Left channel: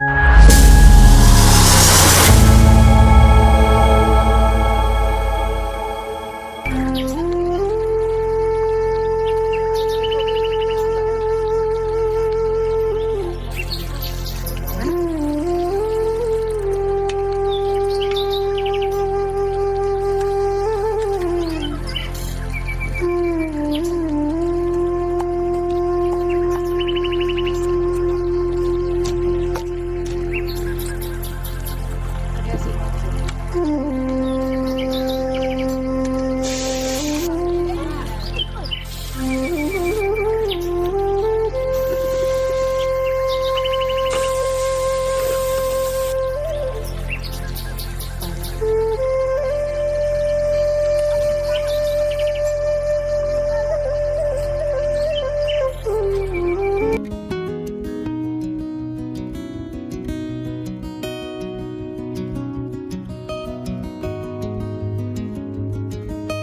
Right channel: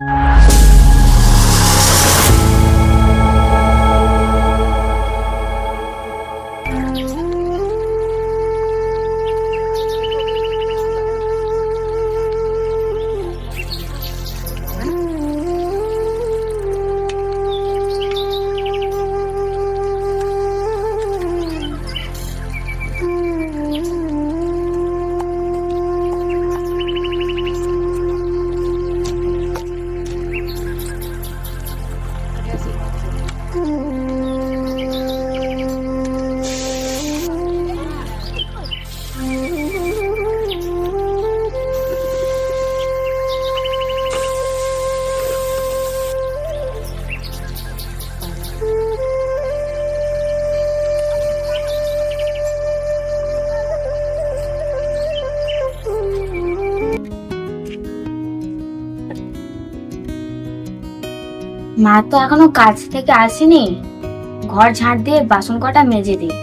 মা তো এখনো কাজ থেকে আসেনি, ঘর ঝাড় দিয়ে বাসন কটা মেজে দিই।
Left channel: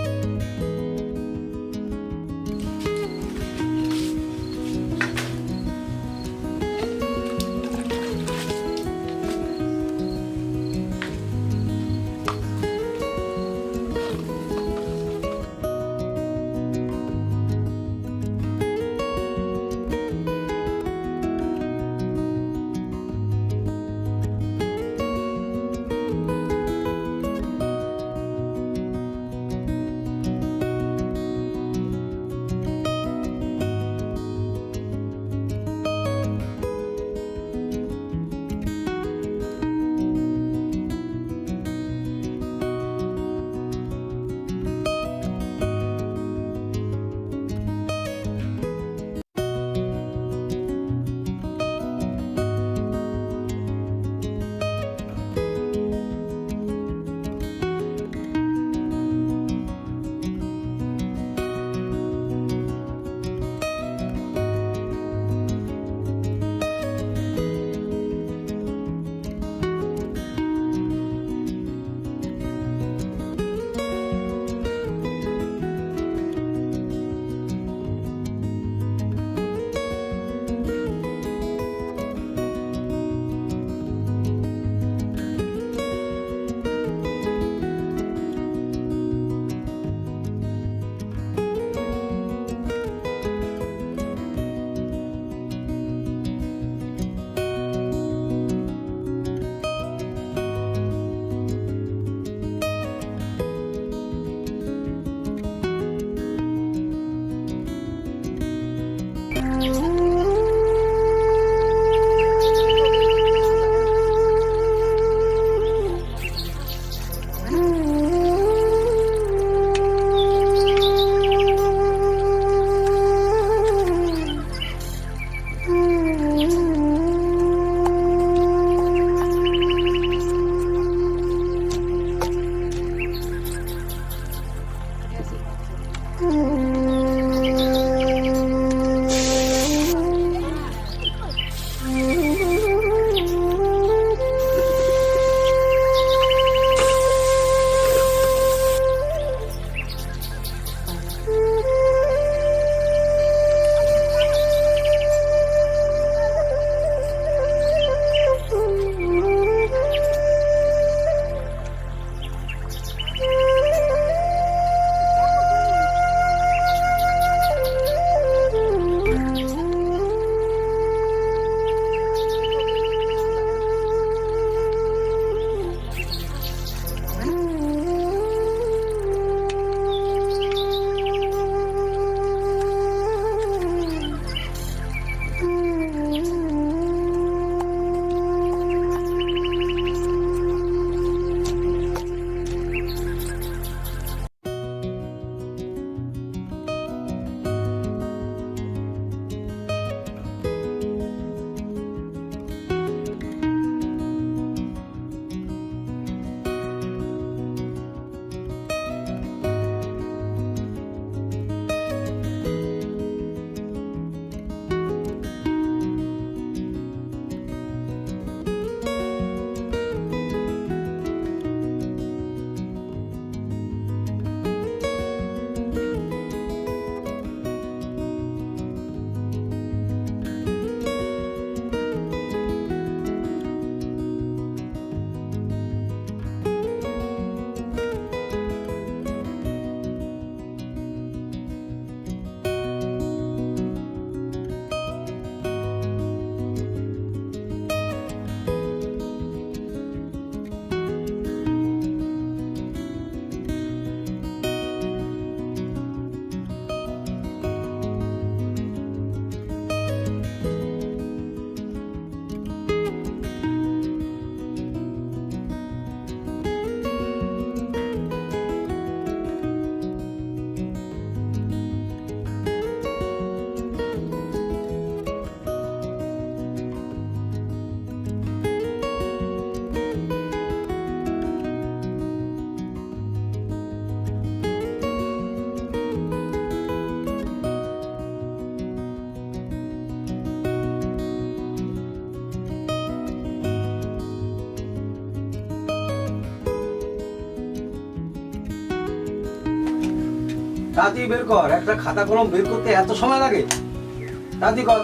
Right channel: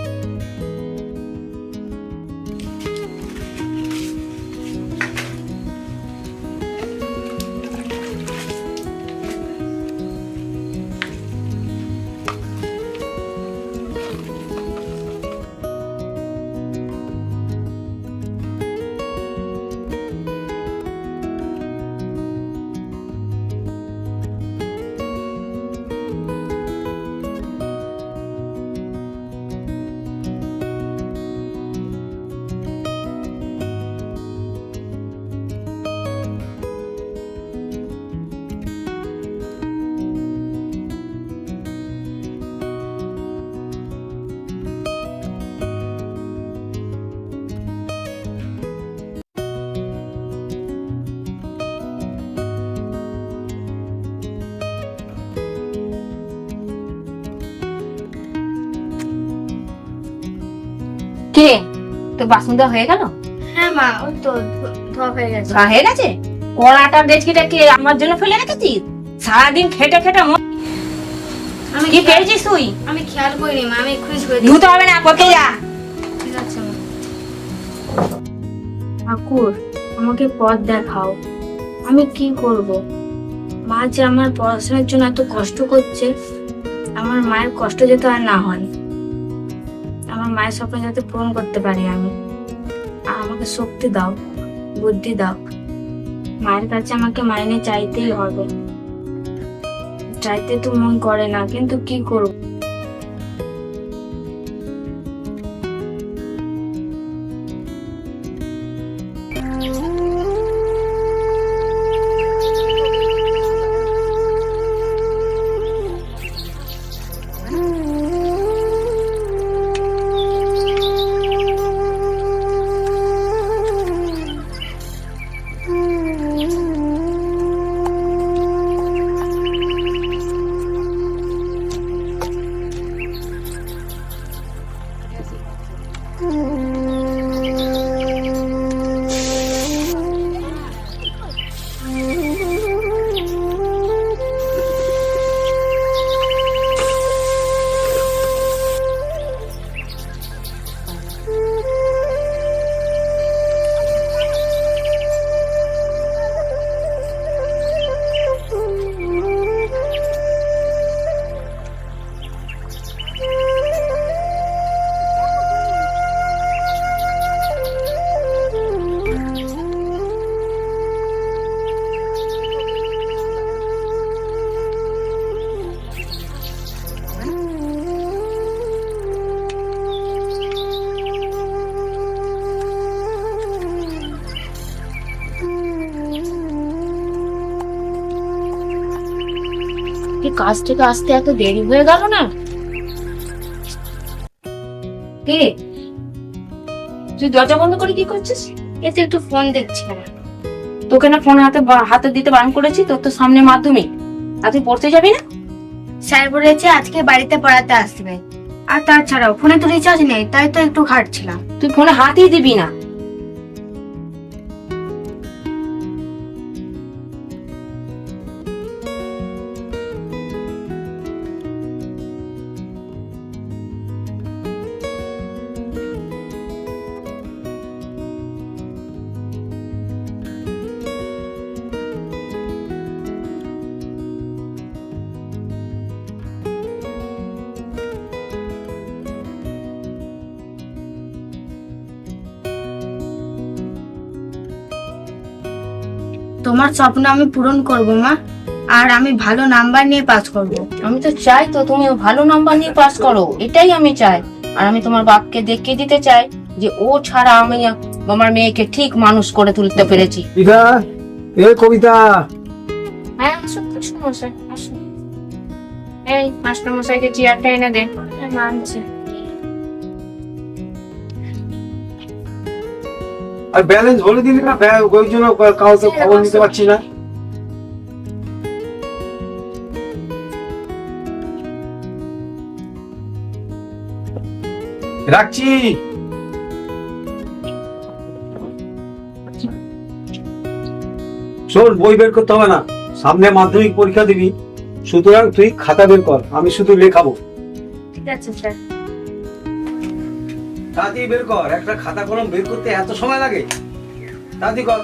কে তোর বাসন দেওয়া হয়ে গেল? হ্যাঁ মা, ওই তো ধোয়া হয়ে গেছে। হয়ে গেছে? কড়াটা ডেচকিটা কি আমার জন্য ফেলে রেখেছিস? সারাদিন খেটে খেটে আমি কি পেয়েছিস তুই? আমি খেয়াল করিনি মা, আমি খুঁজ করে দিই। ধুতে হবে না, করতে যা। ঠিক আছে মা। ঠাকুর, আমাকে পথ দেখাও, আমি কি করব? মা যে আমার পড়াশোনার জন্য এত কষ্ট করছে, আমার মায়ের কষ্ট যাতে আর না হয়, আমার মায়ের স্বপ্ন যাতে পূরণ করতে পারি আমি। আর আমাকে শক্তি দাও, বুদ্ধি দাও। মায়ের কাছে আমাকে মাইনে চাইতেই হবে, চাইতে তো মন করে না, কিন্তু কি করব? কাজ থেকে আসতে এত দেরি হয়ে গেল না? কে তুই দরজা বন্ধ করে কি করছিস? এতে একটু ফোন দেখছিলাম। তোকে না ফোন হাতে দিতে বারণ করেছি? তোর তো সামনে মাধ্যমিক, আর তুই পড়তে যাবি না? স্যার বলেছে আজকে বাড়িতে পড়াতে আসবে। আর তাছাড়াও ফোনে তো রিচার্জ নেই, তাই তো একটু ঘাটছিলাম। তুই ফোনে হাতই দিবি না। তোমার স্বপ্ন আমি পূরণ করব মা, আর আমি ভালো নাম্বার নিয়ে পাস করব। আমি তো চাই তো তুমি ভালো নাম্বার নিয়ে পাস করো, এটাই আমি চাই। আর আমি তোমার বাপকে দেখিয়ে দিতে চাই যে ও ছাড়া আমি আমার মেয়েকে ঠিক মানুষ করে তুলতে পেরেছি। কবিতা, এ কবিতা, হ্যাঁ আসুন মাস্টারমশাই, আসুন। এই মাস্টারমশাইকে চেয়ারটা এনে দে। মানছে। আর ব্যালেন্স বলে দিলি না, ওই জন্য কাউকে খবর নিতে পারছি না। রাখছি। শোন, বই বের করতে হবে না, সামনে মাধ্যমিক পরীক্ষা দিবি, সুতরাং তুই খাতা বের কর, আমি শুধু লেখাবো। ঠিক আছে স্যার। তাড়াতাড়ি বের কর, একটা খাতা কলম বের করতে এত সময় লাগে? তাড়াতাড়ি কর।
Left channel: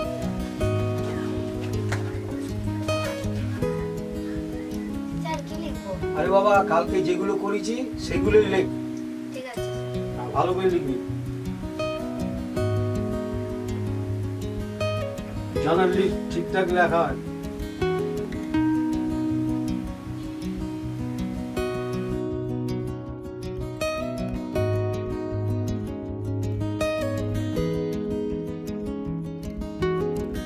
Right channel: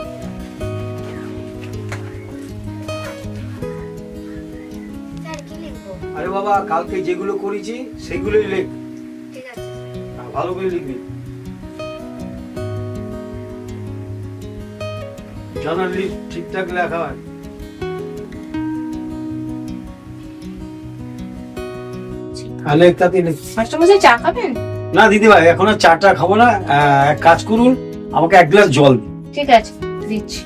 স্যার কি লিখবো? আরে বাবা, কালকে যেগুলো করেছি সেগুলোই লেখ, ঠিক আছে। ভালো করে লিখবি। জানালি ঠিকঠাক লেখা হয়। তাহলে তাড়াতাড়ি লেখ। মাস্টারমশাই চা খাবেন? না দিদি ভাই, এখন আর চাটা খাবো না, এক কাজ করুন, আমাকে এক গ্লাস জল দিন। ঠিক আছে, দিচ্ছি।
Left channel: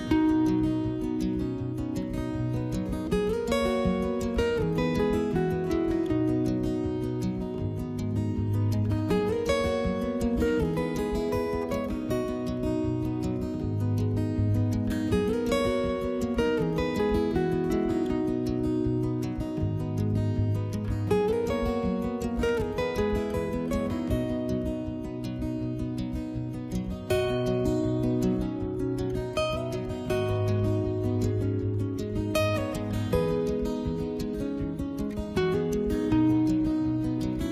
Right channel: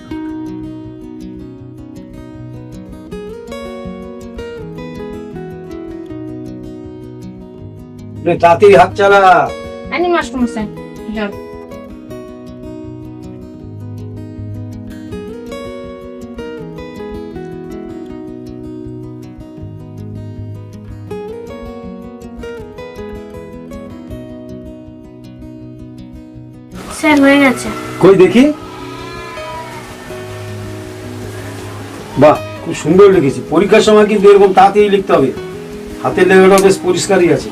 তাড়াতাড়ি হাত চালা। আনি মাস্টারমশাই জল। স্যার হয়ে গেছে। কই দেখি। বাহ, খুব সুন্দর লিখেছি। পরীক্ষার সময় কিন্তু এরকম তাড়াতাড়ি লিখতে হবে, হাতের লেখাটা বেশ পরিষ্কারই আছে।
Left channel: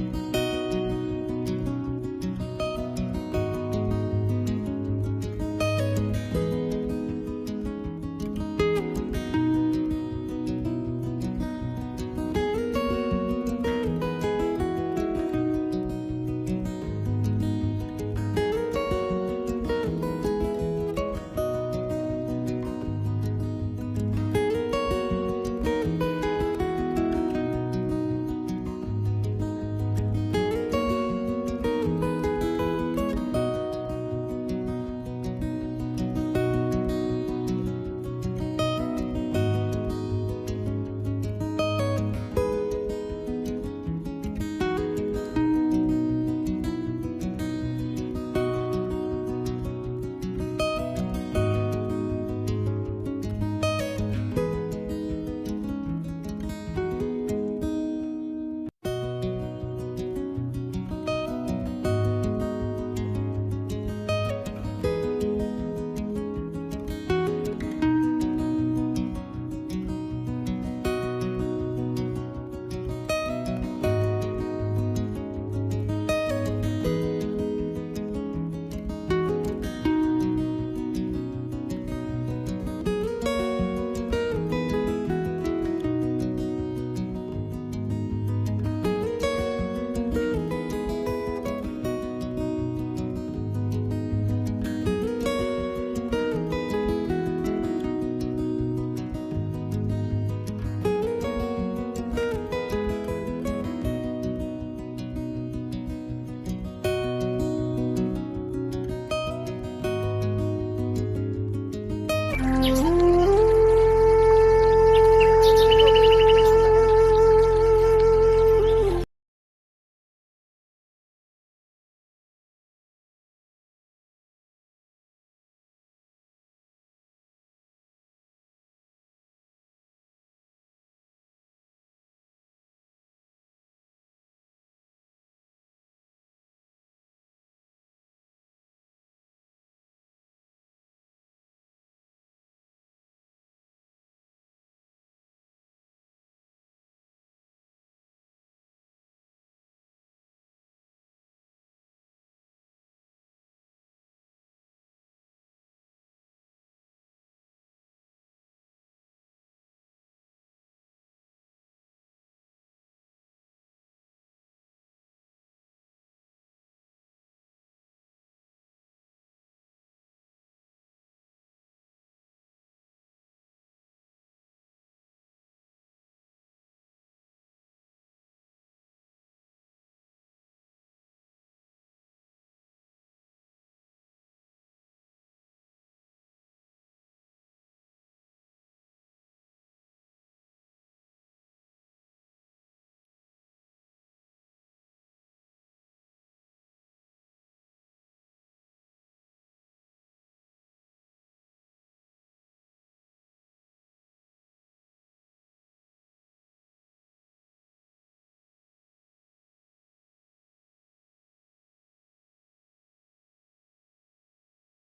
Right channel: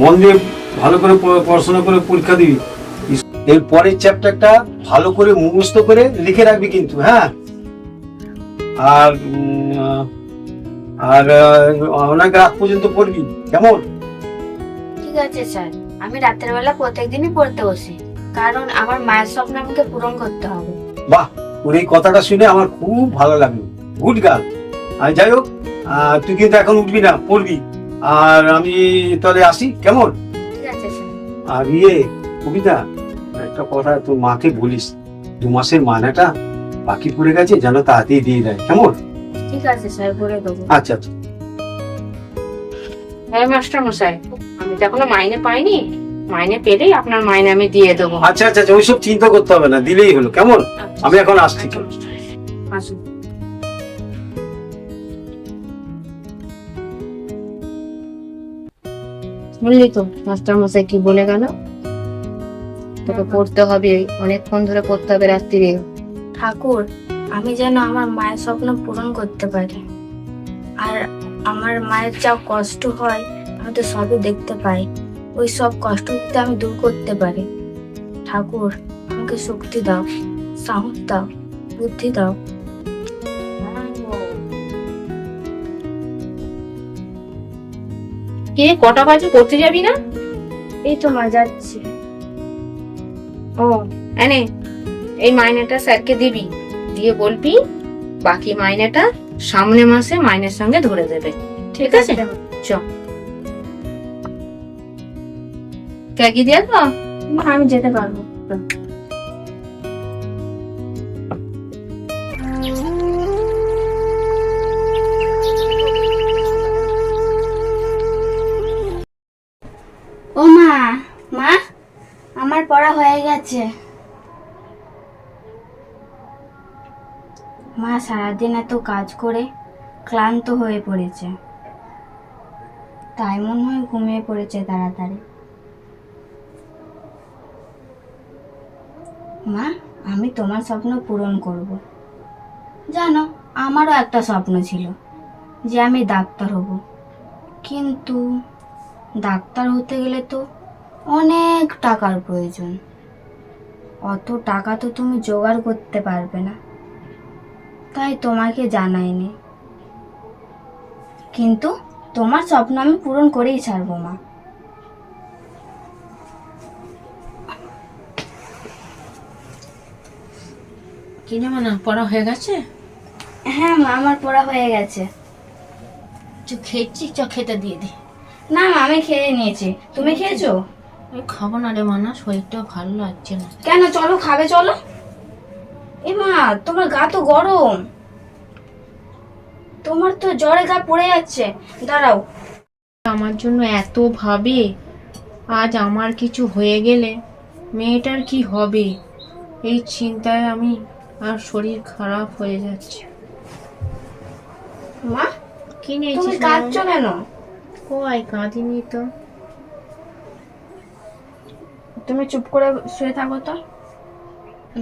মন দিয়ে ভালো করে পড়াশোনা করে পরীক্ষা দিবি। এর পরের চ্যাপ্টারটা ভালো করে মুখস্থ করে লিখে রাখবি কিন্তু, হ্যাঁ। আর আর অনেক রাত পর্যন্ত পড়বি, কেমন? ঠিক আছে স্যার, আমি রাতের বেলা প্রত্যেকদিনই পড়তে বসি, কারণ আমার মায়ের স্বপ্ন আমাকে পূরণ করতে হবে। বাহ, তোর এই কথাটা শুনে আমার খুব ভালো লাগলো, গুড গার্ল। আর যাই হোক, তুই কিন্তু এখন উঠবি না, পড়বি। আর আমি তাহলে আসি, কেমন? ঠিক আছে স্যার। আর কবিতা, একটা কথা তোর মাকে বলিস, 2 মাসের মায়নাটা বাকি পড়ে গেছে, যেন তাড়াতাড়ি দিয়ে দেয়, কেমন? ঠিক আছে স্যার, বলে দেবো। আচ্ছা আচ্ছা। হ্যাঁ মাস্টারমশাই, আমি তো এখনো মাইনে পাইনি, মাইনে পেলেই আপনার মাইনে আমি দিয়ে দেবো। আচ্ছা আচ্ছা, ওইসব চিন্তা করতে হবে না, দিলেই হলো, কেমন? আমি এখন আসছি। আসুন। বুঝলি তো মাস্টারমশাই কি বলে গেল? তোকে পড়তে হবে, অনেকক্ষণ ধরে পড়তে হবে রাত্রিরে। ঠাকুর, আমি যেন আমার মায়ের স্বপ্ন পূরণ করতে পারি। আর আমার মায়ের যা কষ্ট হয় আমি তো সবই দেখতে পাই, ওই সব কষ্ট যদি আমি দূর করতে পারি। ঠাকুর, আমাকে শক্তি দাও, সাহস দাও, বুদ্ধি দাও। কে কটা বাজে, করতে যাবি না? এই তো মা, যাচ্ছি। ও এনে, এই মাইনেটা স্যারকে দিবি, দিয়ে বলবি বাকি মাইনেটা সামনের মাসে মাইনের সঙ্গে ধরে দেবে, ঠিক আছে? চ কি দিয়ে তো মা, আমি যেতে পারবো। ও মা, মা আমার পড়া হয়ে গেছে। মা সারাদিন এত কাজ করে ক্লান্ত হয়ে পড়েছে, তাই মনে হয় ঘুমিয়ে পড়েছে তাড়াতাড়ি। মা, আমি তোমার স্বপ্ন পূরণ করব। জানো, আমারও একটা স্বপ্ন ছিল যে আমি ডাক্তার হব, কিন্তু ডাক্তার হতে গেলে তো অনেক টাকার প্রয়োজন। অত টাকা তো তুমি জোগাড় করতে পারবে না, তাই তোমাকে জানাইনি। কিন্তু তোমার স্বপ্ন আমি পূরণ করেই ছাড়বো মা। কি জানো না, পড়া হয়ে গেছে? হ্যাঁ মা, আমার পড়া হয়ে গেছে। খেয়েছি, চ খেতে দিয়ে দি। না মা, আমি খেয়ে নিয়েছি। তুমি খেয়েছো? আমি খাবো না রে মানা, শরীরটা ভালো লাগছে না। কেন, চলো খাবে, চলো। এ মা, তোমার গা তো গরম, তোমার তো জ্বরে গা পড়ে যাচ্ছে। দাঁড়াও। আমার জন্য এত ভাবে, আজ আমার কিছু হয়ে গেলে মেয়েটার কি হবে, এই চিন্তায় আমি আর শরীর খারাপ হয়ে যাচ্ছে। মা, কি তুমি নিয়েছিস? কাঁদছো কেন? কই কাঁদিনি তো। তুমি চুপ করে শুয়ে থাকো তো।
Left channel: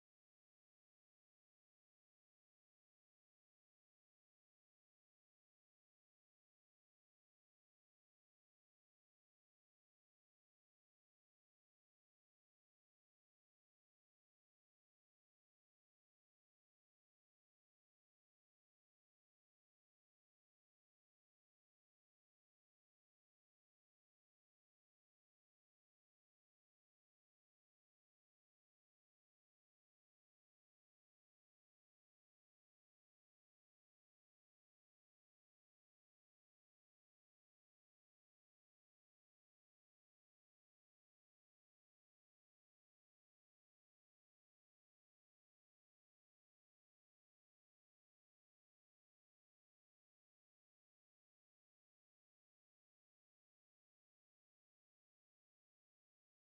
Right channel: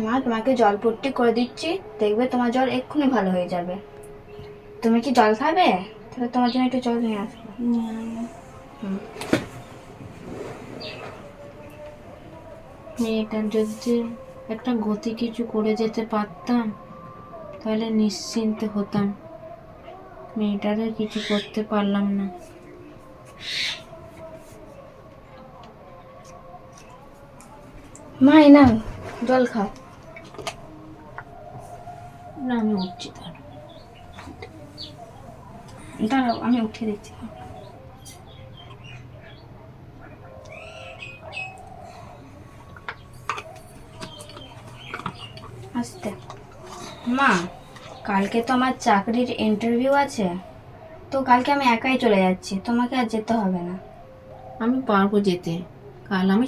মা, তোমাকে জল পট্টি করে দিচ্ছি, দেখবে তোমার জ্বর এক্ষুনি ভালো হয়ে যাবে। তুমি কি জল খাবে? তাহলে তোমার জন্য একটু জল নিয়ে আসবো। মেয়েটার যদি একটা গতি কিছু করে যেতে পারতাম তাহলে নিশ্চিন্তে হতাম। মেয়েটারে কিছু করতে পারলাম না। মা, এই নাও জল খাও। না আমি উঠছি তার। দাঁড়াও, আমি উঠিয়ে দিচ্ছি। আস্তে। মা, কালকে তো আমার চাকরির ইন্টারভিউ আছে, তো কালকে আমি একাই চলে যাচ্ছি, তোমাকে আর যেতে হবে না। আমি পারবো যেতে, কাল আমি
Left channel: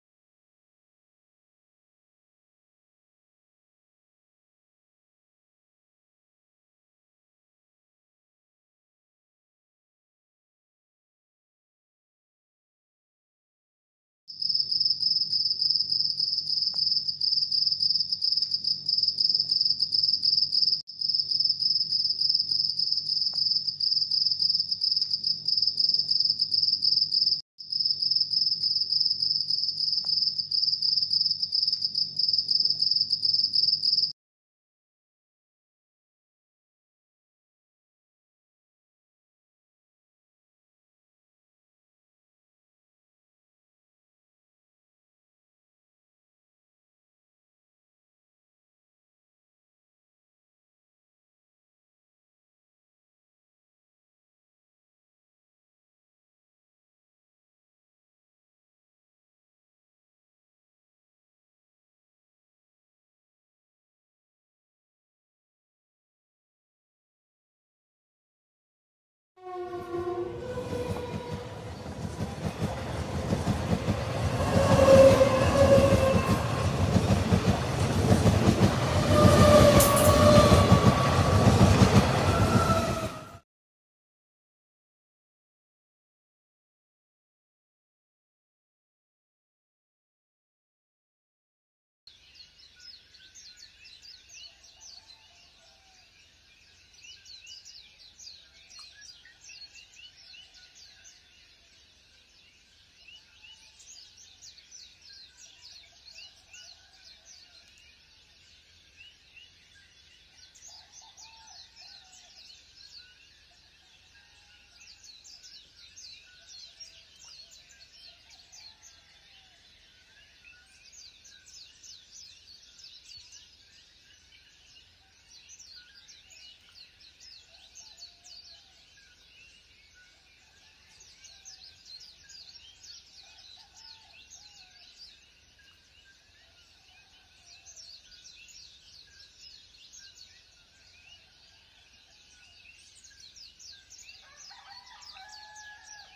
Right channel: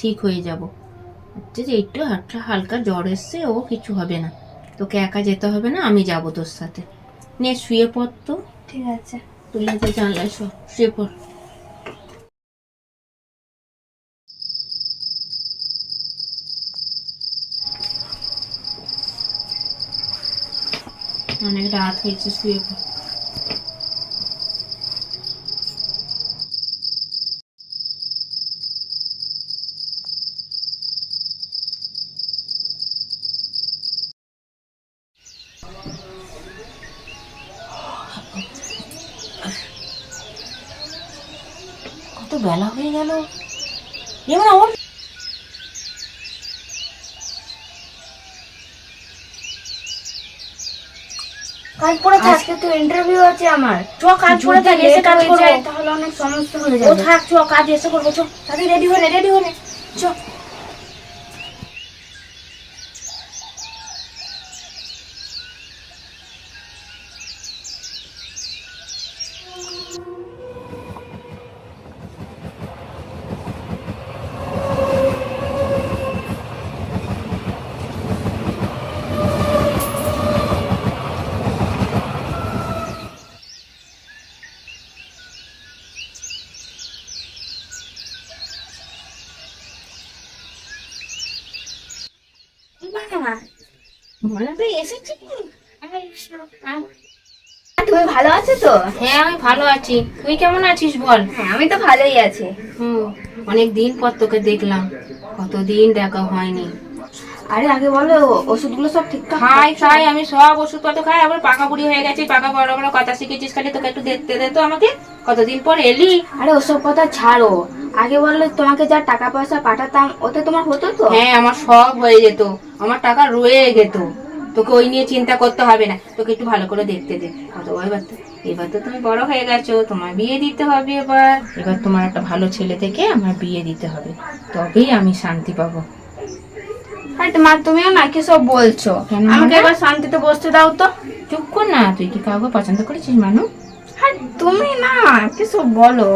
ঠিক হয়ে যাব। হচ্ছে যে একটু হালকা জ্বর এসছে, ও কিছু হবে না, তোকে একা যেতে হবে না, আমি যাব তোর সাথে। নে শুয়ে পড় তো। ঠিক আছে। তুলে তো জানলায় শুয়ে পড়। অনেক রাত হয়েছে, শুয়ে পড়। কত বেলা হয়ে গেল, যেমন আমার কাল পরে আজকে তো ইন্টারভিউ আছে আমার। চ কাজ করে থাক, এসে কাজ করবো। তাহলে অনেক সমস্যা হয়ে ও যাবে। থাক, চ কাজ এসে করবো। চ তাদের রেডি হলে চ। মনে তো এসেছি। তুমি ভালো আছো তো? হ্যাঁ আমি ভালো আছি, তুই কেমন আছিস বল? হ্যাঁ, আমি তো ভালোই আছি। অনেক দিন পর তোকে দেখলাম, কতদিন দেখা হয়নি। আরে আগে বলো, ওষুধগুলো সব ঠিকঠাক খাই আমি সব ওষুধপত্র খাই, আবার পাকা বুড়ি হয়ে গেছি, পাকা বড় বড় কথা শিখেছিস, খালি তোকে একটু দেখতে দে তো আমাকে, কতদিন পর এলি। আরে ওসব কথা ছাড়ো, আগে বললে তোমাকে যা টাকা পয়সা পাঠাতাম ওতে তোমার হতো তো? হ্যাঁ আমার সব হয়ে যেত, আমার টাকা রয়ে যেত, তোকে ওই নিয়ে চিন্তা করতে হবে না, তোকে একটু ভালো করে দেখতে দে। এবার তো তুমি বড় হয়ে গেছো, তোমার বিয়ে দিতে হবে। এবার তোমার একটা ভালো ছেলে থেকে আমার বিয়ে দিতে হবে, তবেই আমি শান্তি পাবো। আরে মা, তুমিও না কি সব বলছো? কেন আমাকে মা? এবার শান্তিতে বসতে দাও তো। চুপ কর না, তুই কি কাউকে পছন্দ করেছিস মানু? হ্যাঁ, তুমি না কি সব বলো।